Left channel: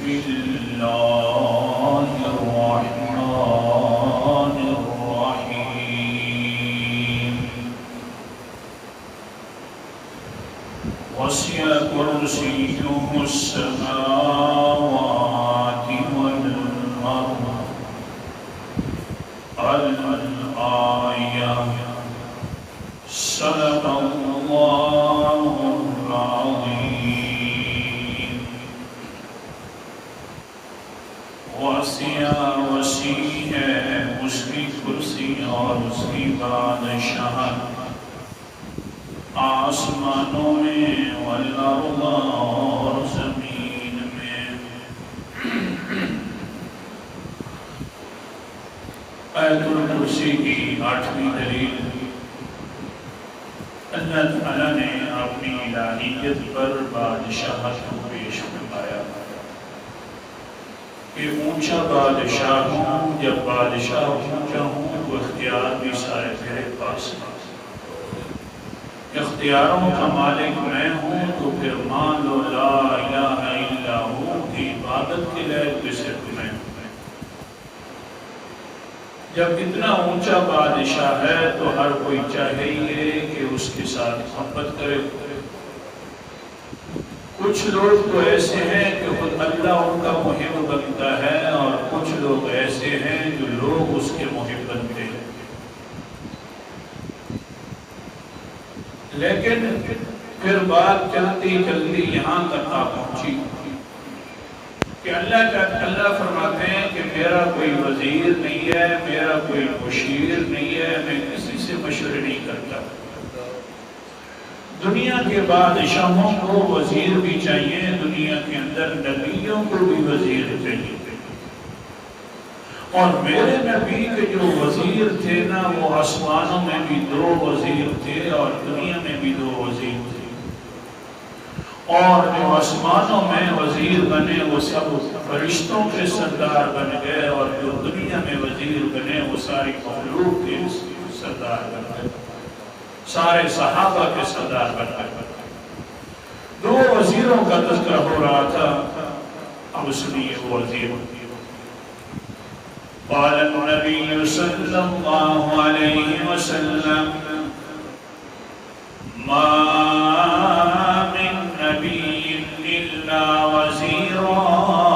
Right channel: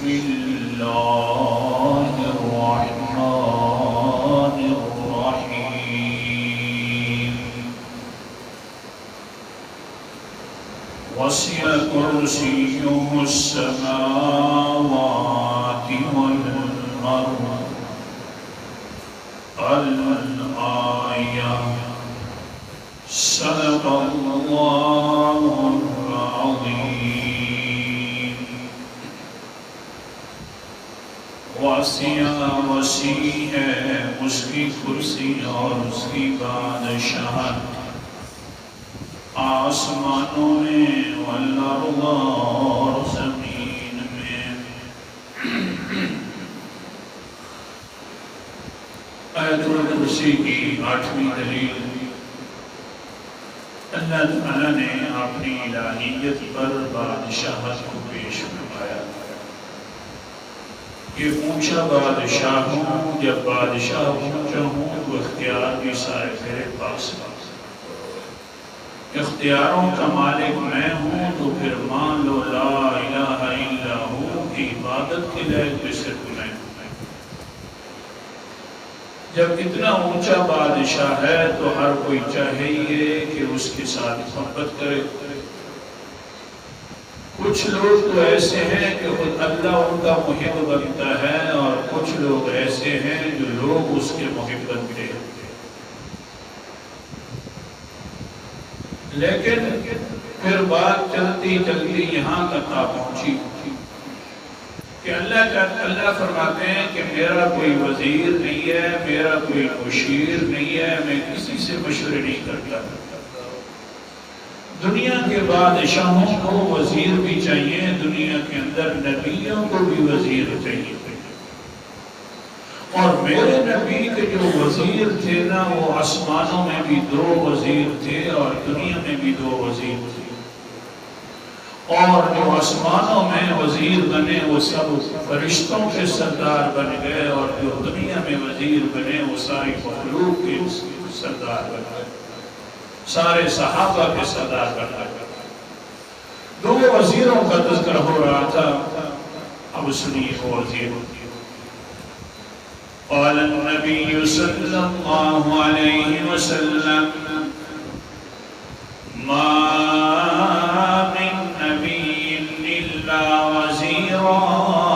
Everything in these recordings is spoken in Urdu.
بسم الله الرحمن الرحيم وسع كرسيه السماوات والأرض الآية صدق الله العظيم وسیع ہے اس کی کرسی اور اس کی بادشاہت آسمانوں میں والارض اور زمین میں۔ آیت الکرسی کی 8ویں دلیل، اللہ تعالیٰ نے اپنی الہیت پر بادشاہت کو پیش فرمایا کہ اونچا بادشاہ ہوں، جب بادشاہ اونچا ہوں تو اختیار بھی سارے تیرے پاس ہیں، اختیاروں کا مالک میں ہوں، تو پھر مان لو لا الہ الا ہو کی عبادت کے لائق بھی صرف میں ہوں۔ جب اتنا اونچا بادشاہ ہے تو ہر کوئی چاہیے کہ اس کے ساتھ محبت کرے۔ کچھ لوگ تو ایسے ہیں کہ خود اللہ ان کا محب بنتا ہے، اور کچھ لوگ ایسے ہیں جو لوگ اس کے محب بنتے ہیں۔ لیکن پھر بات چلتی چلتی یہاں تک آ پہنچی کہ اللہ فرماتے ہیں کہ میرا کوئی وزیر نہیں ہے، میرا کوئی مشیر نہیں ہے، میں کسی سے مشورے نہیں کرتا۔ دنیا کے بادشاہوں کو وزیر بھی چاہیے، دنیا کے اندر نبیوں کو بھی وزیر چاہیے، اور میرے نبی کے جو وزیر تھے نا، وہ آسمانوں میں بھی 2 وزیر تھے اور دنیا میں بھی 2 وزیر تھے، اور جو آسمانوں میں وزیر بنے وہ سب فرشتوں کے سردار بن گئے، اور جو دنیا میں وزیر بنے وہ ساری مخلوق کے سردار بن گئے، سارے صحابہ کے سردار بن گئے۔ 2 وزیروں کا تذکرہ ہو رہا تھا، اب سنیے وہ وزیر۔ قال النبي صلى الله عليه وسلم ما من نبي إلا وزيران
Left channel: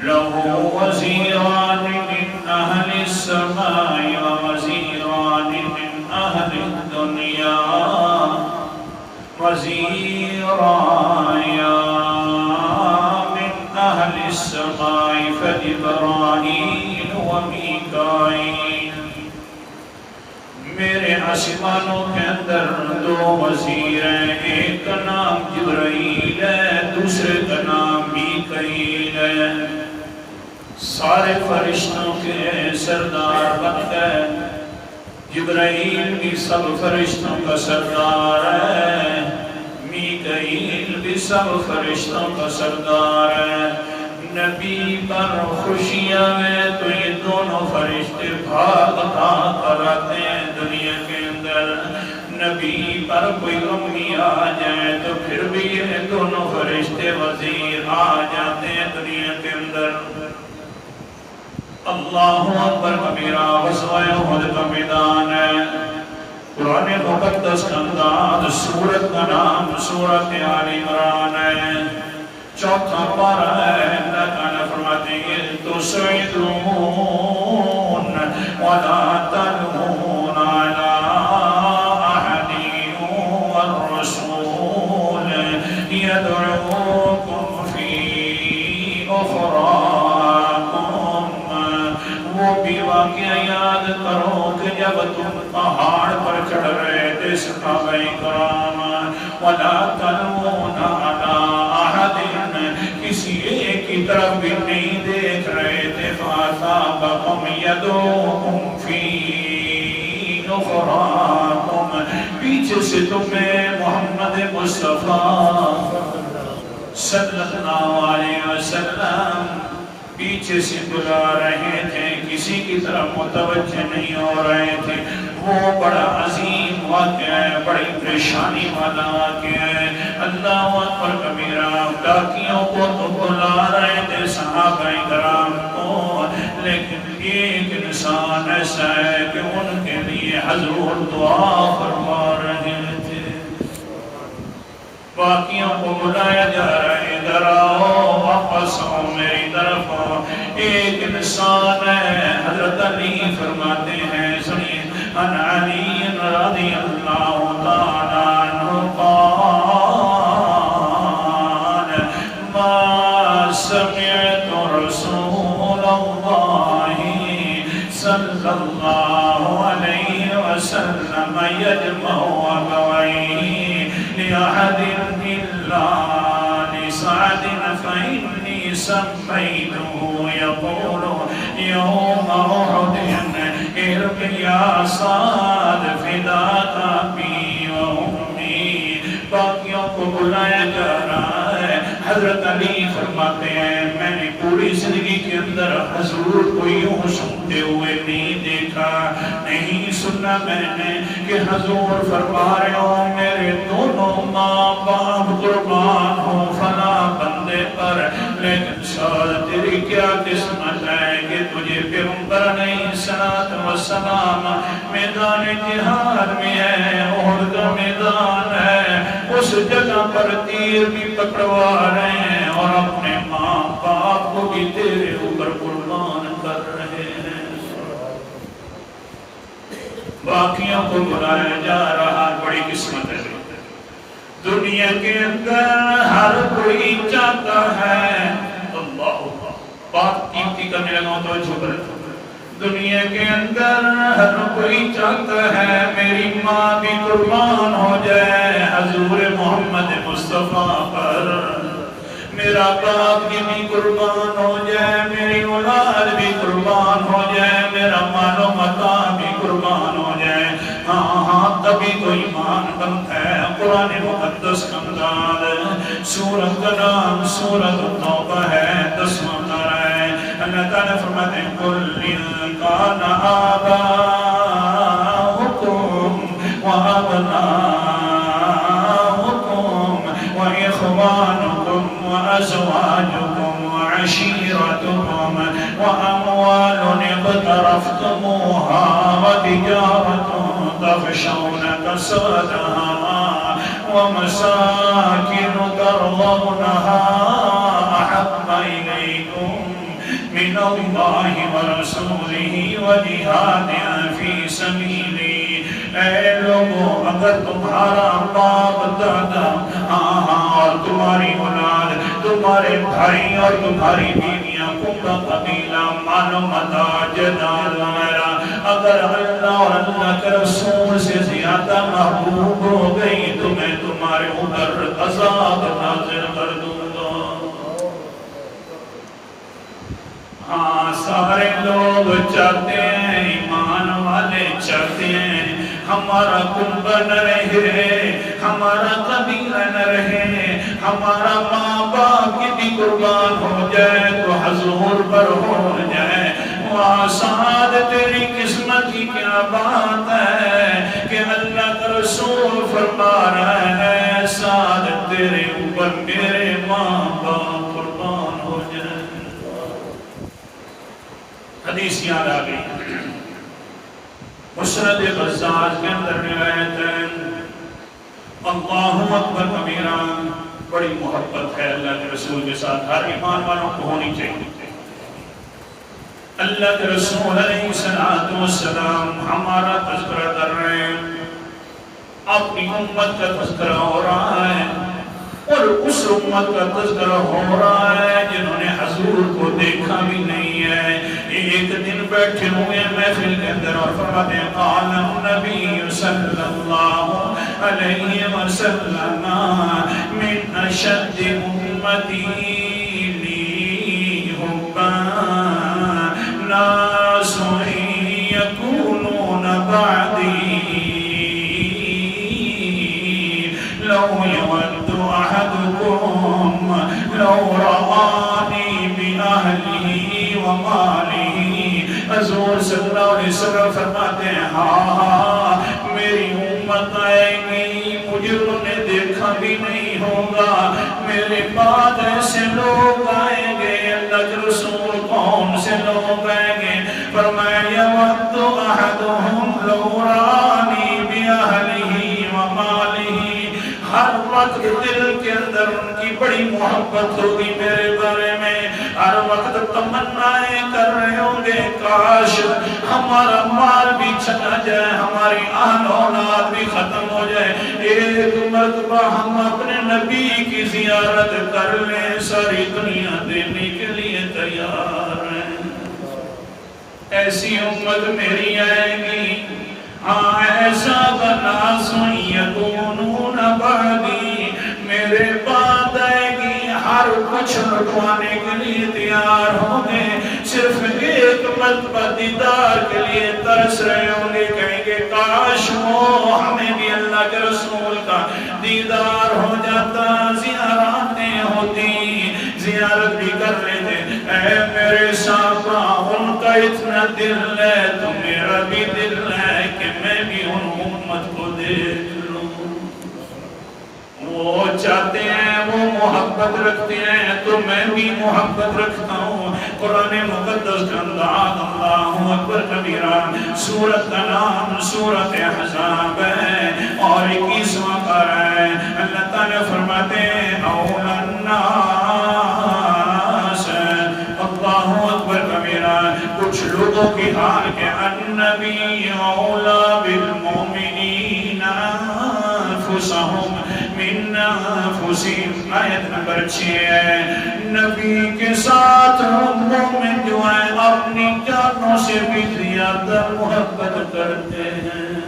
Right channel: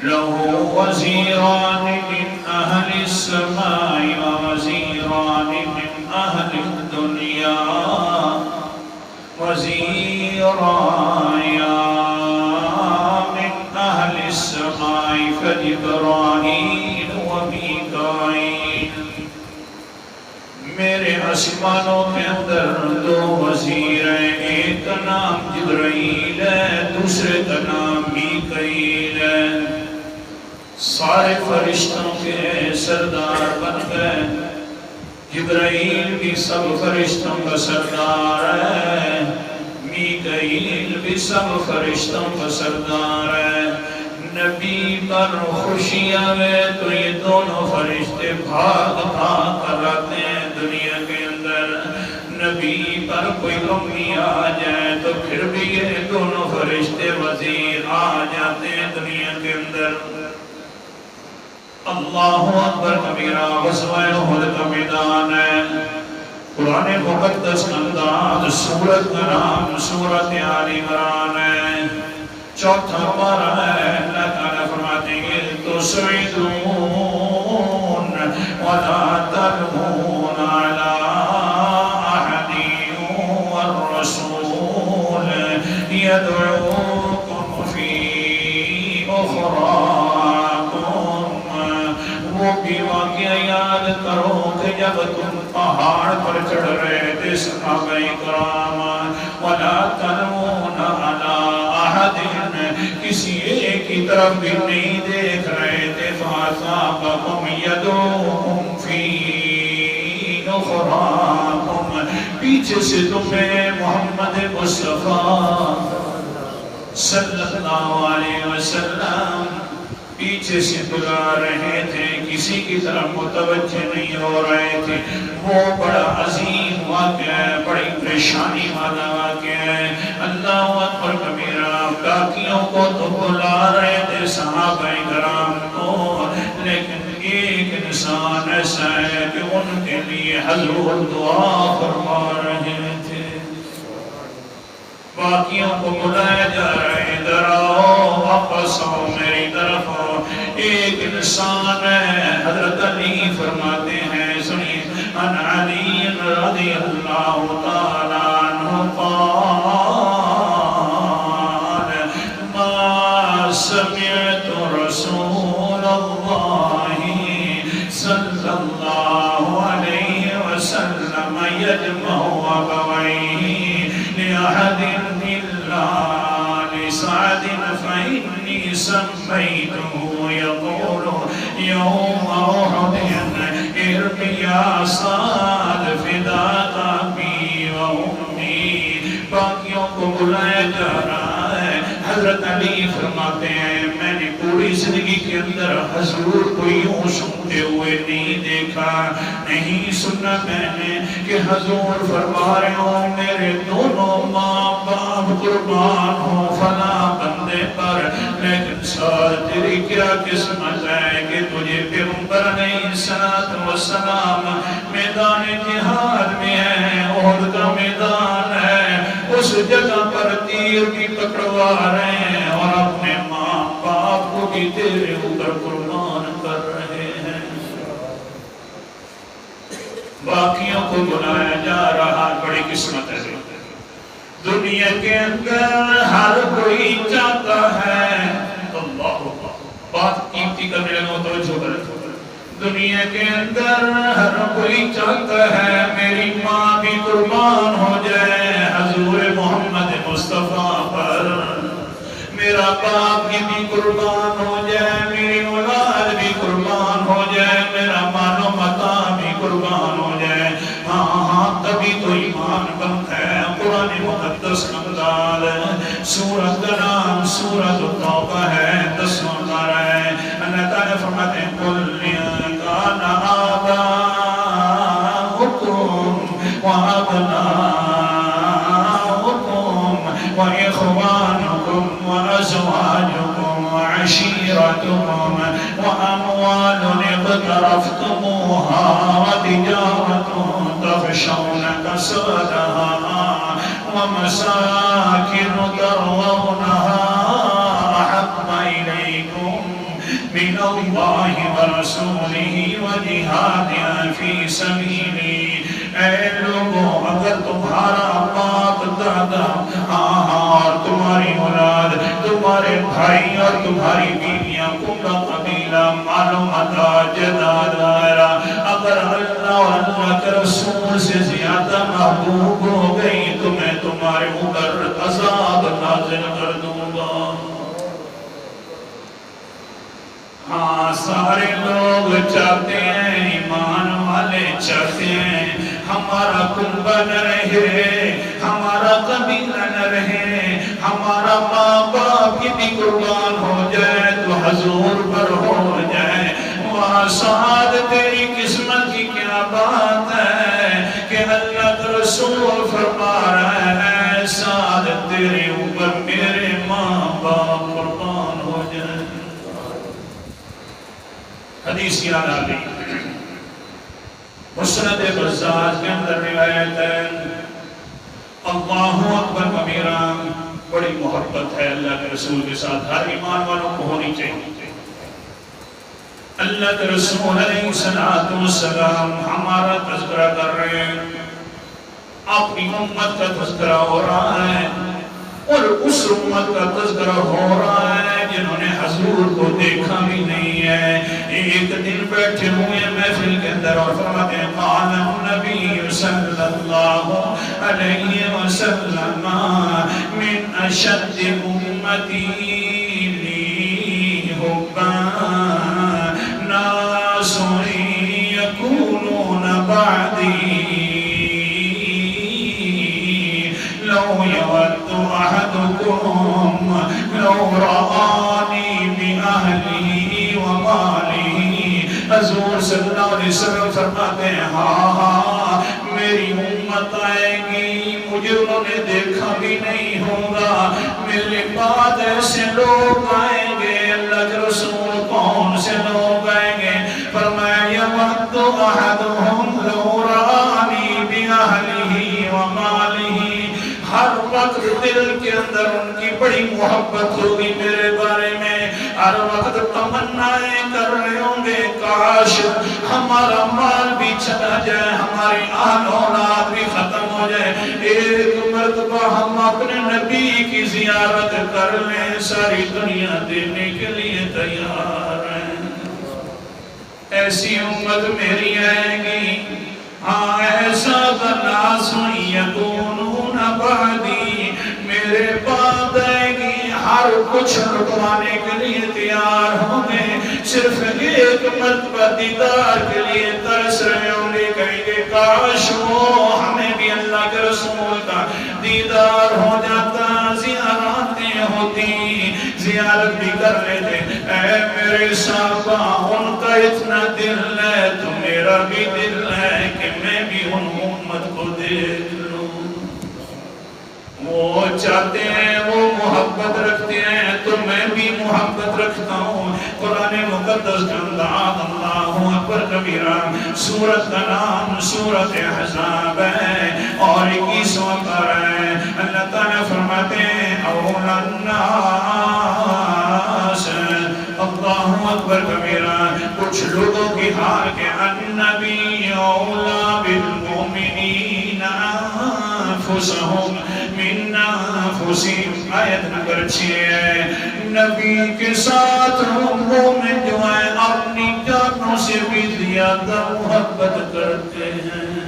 له وزيران من أهل السماء ووزيران من أهل الدنيا وزيران أهل السماء فجبرائيل وميكائيل۔ میرے آسمانوں کے اندر 2 وزیر ہیں، ایک کا نام جبرائیل ہے، دوسرے کا نام میکائیل ہے۔ سارے فرشتوں کے سردار بن گئے، جبرائیل بھی سب فرشتوں کا سردار ہے، میکائیل بھی سب فرشتوں کا سردار ہے۔ نبی پر خوشیاں ہیں تو یہ دونوں فرشتے بھاگ بھاگ کر آتے ہیں دنیا کے اندر، نبی پر کوئی غمی آ جائے تو پھر بھی یہ دونوں فرشتے وزیر آ جاتے ہیں دنیا کے اندر۔ اللہ اکبر کبیرہ، غزوہ احد کا میدان ہے، قرآن مقدس کا انداز، سورت کا نام سورت آل عمران ہے، 4واں پارہ ہے۔ اللہ تعالیٰ فرماتے ہیں تسعدون ولا تلون علی احد والرسول يدعوكم في اخراکم۔ وہ بھی واقعہ یاد کرو کہ جب تم پہاڑ پر چڑھ رہے تھے صحابہ کرام، وَلَا تَلْوُونَ عَلَىٰ أَحَدٍ، کسی ایک کی طرف بھی نہیں دیکھ رہے تھے، فَأَصَابَكُمْ يَدُوكُمْ فِي أُخْرَاكُمْ، پیچھے سے تمہیں محمد مصطفیٰ صلی اللہ علیہ وسلم پیچھے سے بلا رہے تھے، کسی کی طرف متوجہ نہیں ہو رہے تھے۔ وہ بڑا عظیم عظیم واقعہ ہے، بڑی پریشانی والا واقعہ ہے۔ اللہ اکبر کبیرہ، ڈاکیوں کو تو بلا رہے تھے صحابہ کرام کو، لیکن ایک انسان ایسا ہے کہ ان کے لیے حضور دعا فرما رہے تھے۔ باقیوں کو بلایا جا رہا ہے، ادھر آؤ، واپس آؤ، میری طرف آؤ۔ ایک انسان ہے، حضرت علی فرماتے ہیں، سنیے، ان علی رضی اللہ تعالیٰ عنہ قال ما سمعت رسول اللہ صلی اللہ علیہ وسلم یجمع اکویہ لأحد إلا لسعد فإني سميته يقول يوم أحد ارق يا سعد فداك أبي وأمي۔ باقیوں کو بلایا جا رہا ہے۔ حضرت علی فرماتے ہیں میں نے پوری زندگی کے اندر حضور کو یوں سنتے ہوئے نہیں دیکھا، نہیں سنا میں نے کہ حضور فرما رہے ہوں میرے دونوں ماں باپ قربان ہوں فلاں بندے پر، لیکن سعد تیری کیا قسمت ہے کہ تجھے پیغمبر علیہ السلام میدان جہاد میں ہے، احد کا میدان ہے، اس جگہ پر تیر بھی پکڑوا رہے ہیں اور اپنے ماں باپ کو بھی تیرے اوپر قربان کر رہے ہیں۔ باقیوں کو بلایا جا رہا، بڑی قسمت ہے۔ دنیا کے اندر ہر کوئی چاہتا ہے، اللہ بات قیمتی کرنے لگا تو چھپ رہے، دنیا کے اندر ہر کوئی چاہتا ہے میری ماں بھی قربان ہو جائے حضور محمد مصطفیٰ پر، میرا باپ بھی قربان ہو جائے، میری اولاد بھی قربان ہو جائے، میرا مال و متاع بھی قربان ہو جائے۔ ہاں ہاں تبھی تو ایمان بنتا ہے۔ قرآن مقدس کا انداز سورت کا نام سورت توبہ ہے، 10واں پارہ ہے۔ اللہ تعالیٰ فرماتے ہیں قُلْ إِن كَانَ آبَاؤُكُمْ وَأَبْنَاؤُكُمْ وَإِخْوَانُكُمْ وَأَزْوَاجُكُمْ وَعَشِيرَتُكُمْ وَأَمْوَالٌ اقْتَرَفْتُمُوهَا وَتِجَارَةٌ تَخْشَوْنَ كَسَادَهَا وَمَسَاكِنُ تَرْضَوْنَهَا أَحَبَّ إِلَيْكُمْ مِنَ اللَّهِ وَرَسُولِهِ وَجِهَادٍ فِي سَبِيلِهِ۔ اے لوگوں، اگر تمہارا باپ دادا اور تمہاری اولاد، تمہارے بھائی اور تمہاری بیویاں، کنبہ قبیلہ، مال و متاع، جائیداد وغیرہ اگر اللہ اور اللہ کے رسول سے زیادہ محبوب ہو گئی تو میں تمہارے اوپر عذاب نازل کر دوں گا۔ ہاں سارے لوگ چاہتے ہیں، ایمان والے چاہتے ہیں ہمارا کنبہ نہ رہے، ہمارا قبیلہ نہ رہے، ہمارا ماں باپ کی بھی قربان ہو جائے تو حضور پر ہو جائے۔ وہاں سعد تیری قسمت کی کیا بات ہے کہ اللہ کا رسول فرما رہا ہے سعد تیرے اوپر میرے ماں باپ قربان ہو جائے۔ حدیث یاد آ گئی، مسند غزال کے اندر روایت ہے، اللہ اکبر کبیرہ، بڑی محبت ہے اللہ کے رسول کے ساتھ، ہر ایمان والوں کو ہونی چاہیے۔ اللہ کے رسول علیہ السلام ہمارا تذکرہ کر رہے ہیں، اپنی امت کا تذکرہ ہو رہا ہے، اور اس امت کا تذکرہ ہو رہا ہے جنہوں نے حضور کو دیکھا بھی نہیں ہے۔ ایک دن بیٹھے ہوئے محفل کے اندر اور فرماتے ہیں قال النبی صلی اللہ علیہ وسلم من اشد امتی لی حبا ناس یکونون بعدی لو یود احدکم لو رآنی بأہلی ومالی۔ حضور صلی اللہ علیہ وسلم فرماتے ہیں ہاں میری امت بھی نہیں ہوگا، میرے بعد ایسے لوگ آئیں گے۔ اللہ کے رسول کون سے لوگ آئیں گے؟ فرمایا یود احدہم لو رانی بأہلہ ومالہ، ہر وقت دل کے اندر ان کی بڑی محبت ہوگی میرے بارے میں، ہر وقت تمنائیں کر رہے ہوں گے کاش ہمارا مال بھی چلا جائے، ہماری آل اولاد بھی ختم ہو جائے، ایک مرتبہ ہم اپنے نبی کی زیارت کر لیں، ساری دنیا دینے کے لیے تیار ہیں۔ ایسی امت میری آئے گی، ہاں ایسا ناس یکونون بعدی، میرے بعد آئے گی، ہر کچھ لٹوانے کے لیے تیار ہوں گے، صرف ایک مرتبہ دیدار کے لیے ترس رہے ہوں گے، کہیں گے کاش وہ ہمیں بھی اللہ کے رسول کا دیدار ہو جاتا، زیارتیں ہوتی، زیارت بھی کر لیتے۔ اے میرے صحابہ، ان کا اتنا دل ہے تو میرا بھی دل ہے کہ میں بھی ان امت کو دیکھ لوں۔ وہ چاہتے ہیں، وہ محبت رکھتے ہیں تو میں بھی محبت رکھتا ہوں۔ قرآن مقدس کا انداز اللہ اکبر کبیرہ، سورت کا نام سورت احزاب ہے اور 21واں پارہ ہے۔ اللہ تعالیٰ فرماتے ہیں اولا الناس، اللہ اکبر کبیرہ، کچھ لوگوں کی حال کے النبی اولا بالمؤمنین انفسہم من انفسہم، آیت نمبر 6 ہے۔ نبی کے ساتھ مومن جو ہیں اپنی جانوں سے بھی زیادہ محبت کرتے ہیں،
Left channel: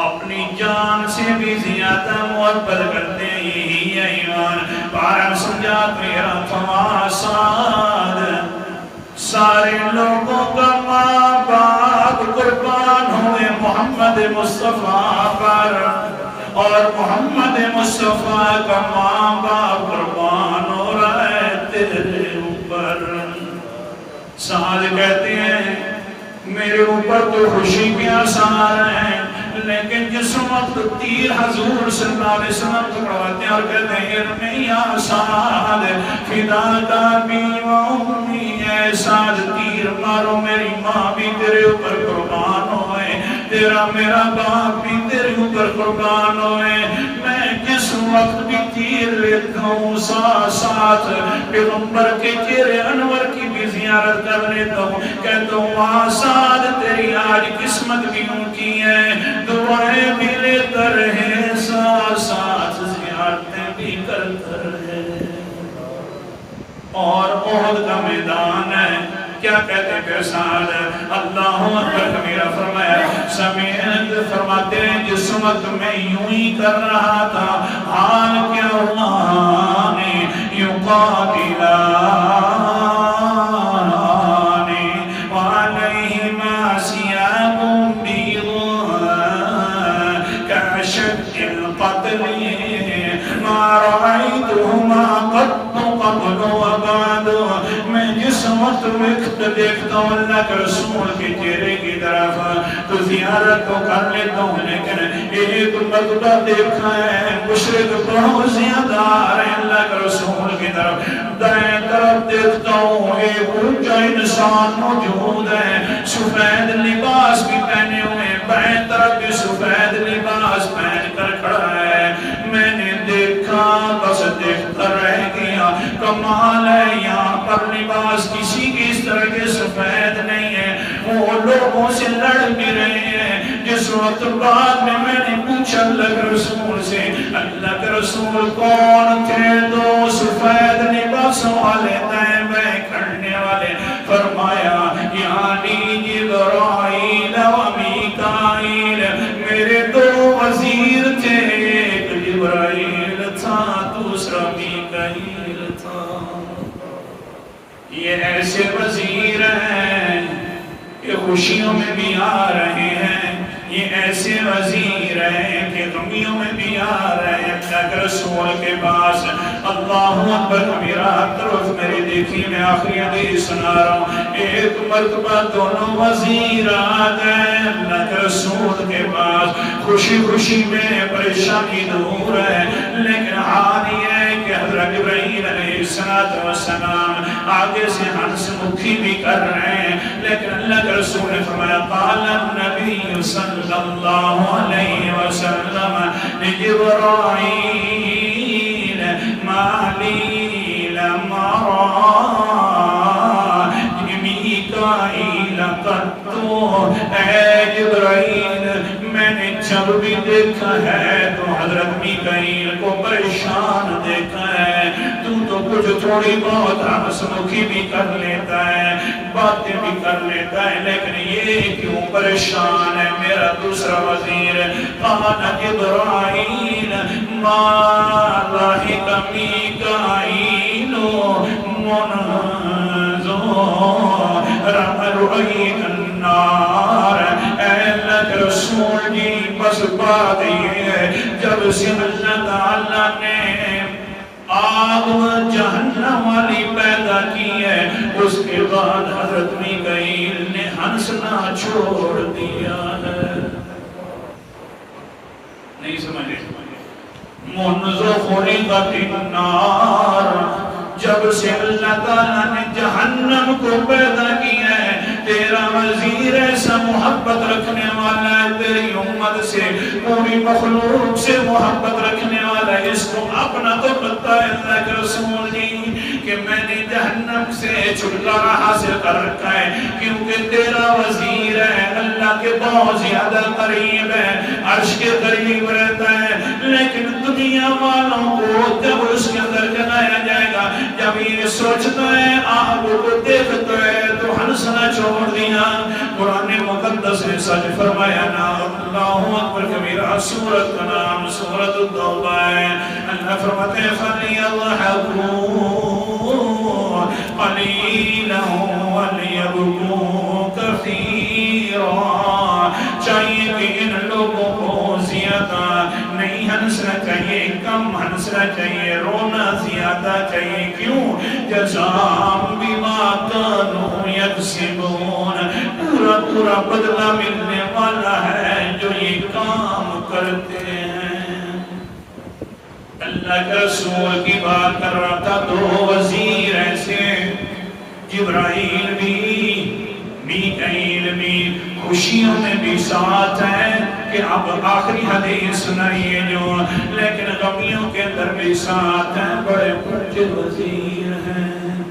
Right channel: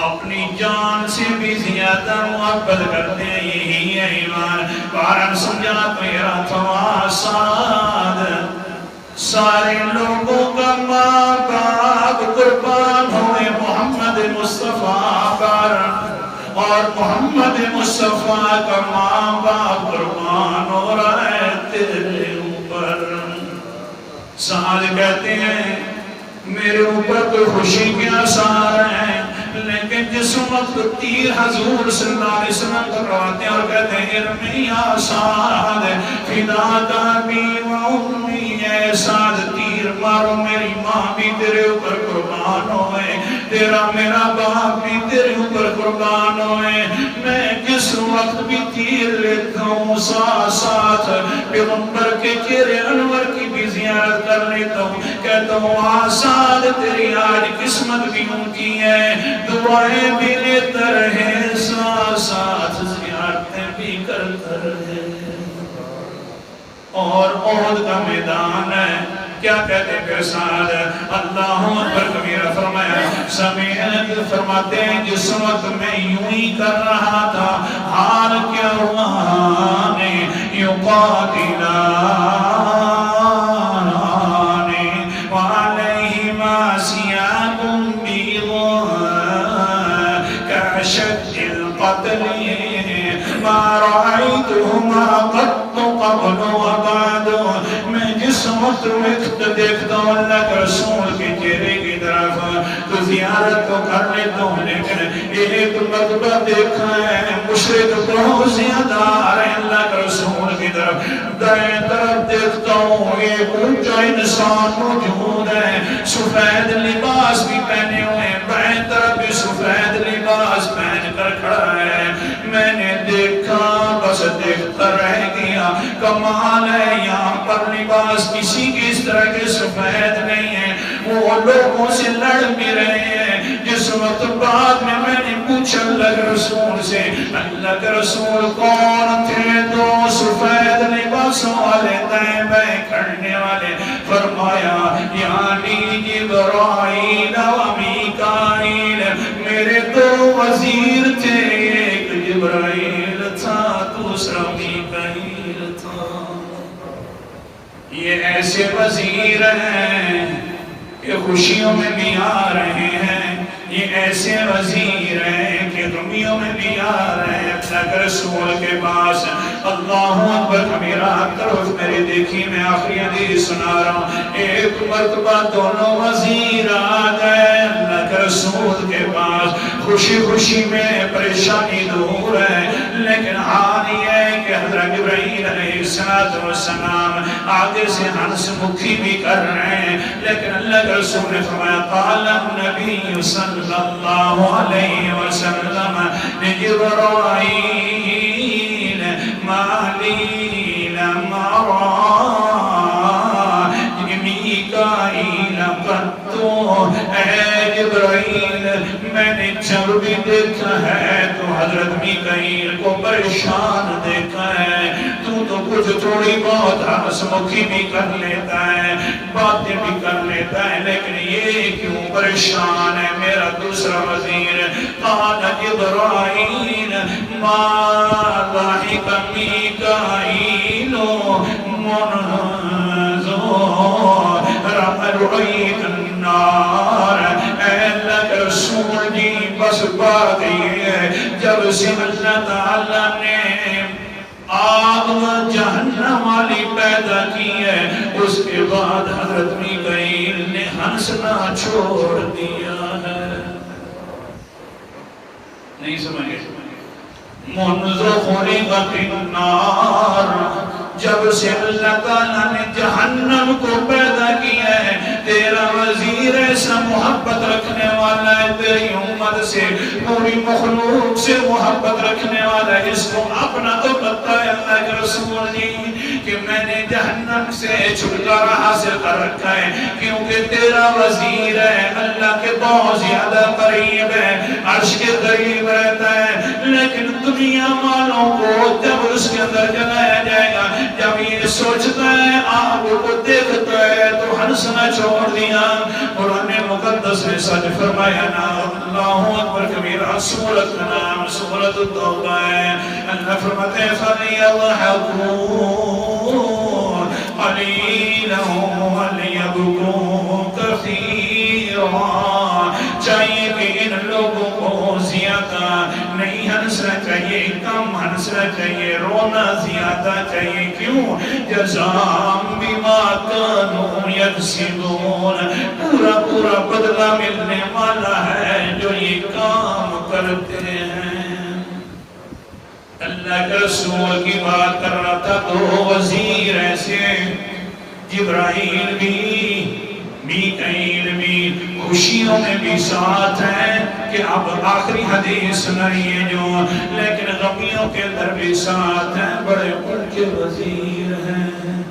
اپنی جان سے بھی زیادہ محبت کرتے ہیں، یہی ہے ایمان۔ پارن سمجھا میرا تو آسان، سارے لوگوں کا ماں باپ قربان ہوئے محمد مصطفیٰ پر، اور محمد مصطفیٰ کا ماں باپ قربان ہو رہا ہے تیرے اوپر۔ سعد کہتے ہیں میرے اوپر تو خوشی کے آثار ہیں، لیکن جس وقت تیر حضور صلی اللہ علیہ وسلم پکڑواتے ہیں اور کہتے ہیں ارمی یا سعد فداک ابی و امی، اے سعد تیر مارو، میری ماں بھی تیرے اوپر قربان ہوئے، تیرا میرا باپ بھی تیرے اوپر قربان ہوئے۔ میں جس وقت بھی تیر لیتا ہوں ساتھ ساتھ پیغمبر کے چہرے انور کی بھی زیارت کر لیتا ہوں، کہتا ہوں آساد تیری آج قسمت بھی اونچی ہے، دعائیں بھی لیتا رہے، ساتھ ساتھ زیارتیں بھی کرتا رہے۔ اور احد کا میدان ہے، کیا کہتے پھر سعد اللہ اکبر کبیرہ، فرمایا سمیعت، فرماتے ہیں جس وقت میں یوں ہی کر رہا تھا حال کیا ہوا یقاتلان وعلیہما ثیاب بیض کاشد القتل ما رأیتہما قط قبل وبعد۔ میں جس وقت دیکھتا ہوں اللہ کے رسول کے چہرے کی طرف تو زیارت تو کر لیتا ہوں، لیکن ایک مرتبہ دیکھا ہے مشرک بہت زیادہ آ رہے ہیں اللہ کے رسول کی طرف، دائیں طرف دیکھتا ہوں ایک اونچا انسان موجود ہے، سفید لباس بھی پہنے ہوئے ہیں، بائیں طرف بھی سفید لباس پہن کر کھڑا ہے۔ میں نے دیکھا بس دیکھتا رہ گیا، کمال ہے یہاں پر لباس کسی کی اس طرح کے سفید نہیں ہے، وہ لوگوں سے لڑ بھی رہے ہیں۔ جس وقت بعد میں نے پوچھا اللہ کے رسول سے، اللہ کے رسول کون تھے دو سفید لباسوں والے دائیں بائیں کھڑنے والے؟ فرمایا یعنی جبرائیل و میکائیل، میرے دو وزیر تھے، ایک جبرائیل تھا دوسرا میکائیل تھا۔ یہ ایسے وزیر ہیں کہ خوشیوں میں بھی آ رہے ہیں، یہ ایسے وزیر ہیں کہ غمیوں میں بھی آ رہے ہیں۔ اللہ کے رسول کے پاس اللہ اکبر کبیرہ، طرف میری دیکھی، میں آخری حدیث سنا رہا ہوں، ایک مرتبہ دونوں وزیر آ گئے اللہ کے رسول کے پاس، خوشی خوشی میں پریشانی دور ہے، لیکن حال یہ ہے کہ حضرت جبرائیل علیہ السلام آگے سے ہنس مکھی بھی کر رہے ہیں، لیکن اللہ کے رسول نے فرمایا قال النبی صلی اللہ علیہ وسلم لجبرائیل ما لی لم ارا میکائیل قط، اے جبرائیل میں نے جب بھی دیکھا ہے تو حضرت میکائیل کو پریشان دیکھا ہے، تو کچھ تھوڑی بہت ہنس مکھی بھی کر لیتا ہے، باتیں بھی کر لیتا ہے، لیکن یہ کیوں پریشان ہے میرا دوسرا وزیر؟ قال جبرائیل ما ضحک میکائیل منذ رأیت النار، اے اللہ کے رسول جی بس بات یہ ہے جب سے اللہ تعالیٰ نے آگ جہنم والی پیدا کی ہے اس کے بعد حضرت میکائیل نے ہنسنا چھوڑ دیا ہے۔ نہیں سمجھے؟ منذ خلقت النار، جب سے اللہ تعالیٰ نے جہنم کو پیدا کیا ہے، تیرا وزیر ایسا محبت رکھنے والا ہے، تیری امت سے پوری مخلوق سے محبت رکھنے والا ہے، اس کو اپنا تو پتہ ہے اللہ کے رسول جی کہ میں نے جہنم سے چھٹکارا حاصل کر رکھا ہے، کیونکہ تیرا وزیر ہے، اللہ کے بہت زیادہ قریب ہے، عرش کے قریب رہتا ہے، لیکن دنیا والوں کو جب اس کے اندر جلایا جائے گا، جب یہ سوچتا ہے آگ کو دیکھتا ہے تو ہنسنا چھوڑ دیا۔ قرآن مقدس نے سچ فرمایا نا، اللہ اکبر کبیرہ، سورت کا نام سورت التوبہ ہے۔ اللہ فرماتے ہیں فَلْيَضْحَكُوا قَلِيلًا وَلْيَبْكُوا كَثِيرًا، چاہیے کہ ان لوگوں کو زیادہ نہیں ہنسنا چاہیے، کم ہنسنا چاہیے، رونا زیادہ چاہیے، کیوں؟ جزاء بما كانوا يكسبون، پورا پورا بدلہ ملنے والا ہے جو یہ کام کرتے ہیں۔ اللہ کے رسول کی بات کر رہا تھا تو وزیر ایسے جبرائیل بھی میکائیل بھی خوشیوں میں بھی ساتھ ہیں کہ اب آخری حدیث سنائیے جو، لیکن غمیوں کے اندر بھی ساتھ ہیں، بڑے اونچے وزیر ہیں۔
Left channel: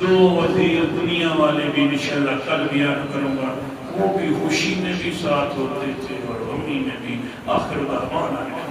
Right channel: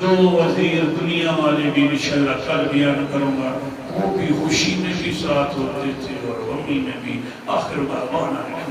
دو وزیر دنیا والے بھی انشاءاللہ کل بیان کروں گا، وہ بھی خوشی میں بھی ساتھ ہوتے تھے اور غمی میں بھی۔ آخر دعوانا ہے